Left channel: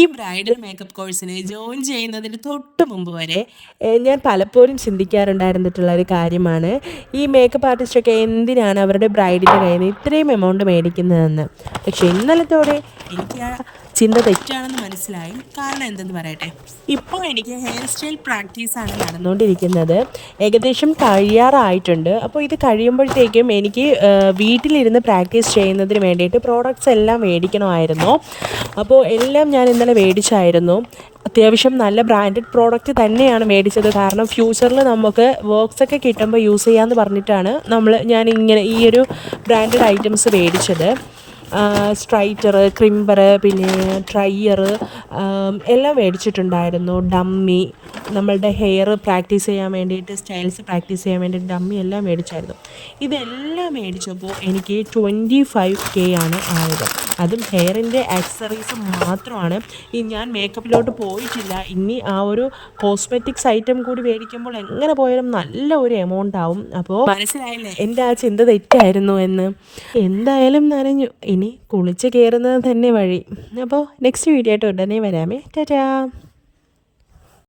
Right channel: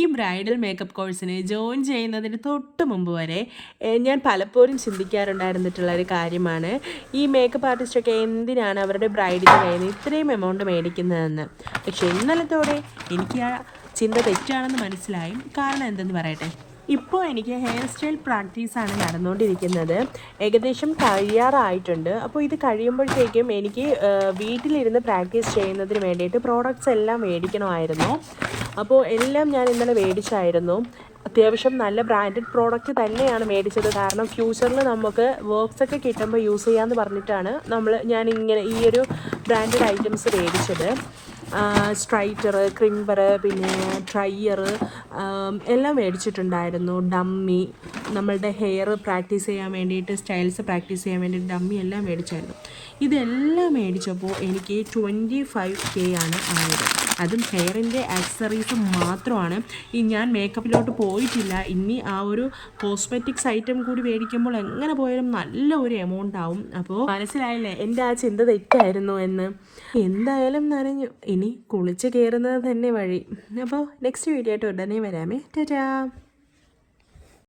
ഈ bridal makeup കോഴ്സിന് join ചെയ്യുന്നതിന് തൊട്ട് മുമ്പ് വരെ ഞാൻ പലപ്പോഴും ചിന്തിക്കാറുണ്ടായിരുന്നിട്ടുള്ള ഒരു കാര്യമാണ് ഈ മേക്കപ്പ് ആർട്ടിസ്റ്റൊക്കെ എന്തിനാണ് അവരുടെ ബ്രൈഡിൻ്റെ കയ്യിൽ നിന്ന് ഇത്രയും എമൗണ്ട് മേടിക്കുന്നതെന്ന്. പക്ഷേ ഇന്നലത്തോടെ എനിക്ക് ആ ചിന്ത തെറ്റാണെന്ന് മനസ്സിലായി. കാരണം എന്തെന്ന് പറയട്ടെ, ഇപ്പോൾ എനിക്ക് ഹെയർ സ്റ്റൈൽ പ്രാക്ടീസാണ് നടന്നുകൊണ്ടിരിക്കുന്നത്. ഏകദേശം കഴിയാറായിട്ടുണ്ട്. അപ്പോൾ ഇത് കഴിയുമ്പോഴത്തേക്കും എനിക്ക് വീട്ടിലിരുന്ന് പ്രാക്ടീസ് ചെയ്യുന്നതിന് വേണ്ടിയിട്ട് പ്രോഡക്റ്റ്സ് എല്ലാം മേടിക്കണമായിരുന്നു. അപ്പോൾ എല്ലാം ഞാൻ ഇന്നലെ മേടിച്ചായിരുന്നു. അത്യാവശ്യം നല്ല ബ്രാൻഡഡ് പ്രോഡക്റ്റ് തന്നെയാണ് മേടിച്ചത്. കാരണം ഫ്യൂച്ചറിൽ നമുക്ക് വർക്ക്സൊക്കെ കിട്ടുമ്പോൾ യൂസ് ചെയ്യാമെന്ന് പറഞ്ഞിട്ടാണ് ഞാനിങ്ങനെ ഈ ഒരു ബ്രാൻഡഡ് ഐറ്റംസ് മേടിച്ചത്. സ്ട്രൈറ്റർ, ക്രിമ്പർ, പിന്നെ ഡ്രയർ എല്ലാം മേടിച്ചിട്ടുണ്ടായിരുന്നു. ഡമ്മി, നമ്മളുടെ ഹെയർ പ്രാക്ടീസ് ചെയ്യാൻ വേണ്ടിയിട്ട്, സ്റ്റൈൽസ് പ്രാക്ടീസ് ചെയ്യാൻ വേണ്ടിയിട്ട് ഡമ്മി എല്ലാം മേടിച്ചായിരുന്നു. ഇതെല്ലാം മേടിച്ചപ്പോൾ എനിക്ക് 25K ആണ് ആയത്. അതും ഹെയറിൻ്റെ ആക്സസറീസ് മാത്രമാണ്. ഞാൻ മേക്കപ്പിലോട്ട് പോയിട്ടില്ല. ഇനി ആ ഒരു കോസ്മെറ്റിക്സ് ഐറ്റം കൂടി മേടിക്കുമ്പോൾ എങ്ങനെ പോയാലും നല്ല ഒരു എമൗണ്ട് ആവും. അപ്പോൾ മനസ്സിലായില്ലേ എൻ്റെ ആ ചിന്ത തെറ്റായിരുന്നു എന്ന്. എന്തായാലും നനഞ്ഞു, ഇനി കുളിച്ച് കയറുന്നത് തന്നെ വഴി. അപ്പോൾ നെക്സ്റ്റ് വീഡിയോ ആയിട്ട് ഉടനെ വരാമേ. ടാറ്റാ.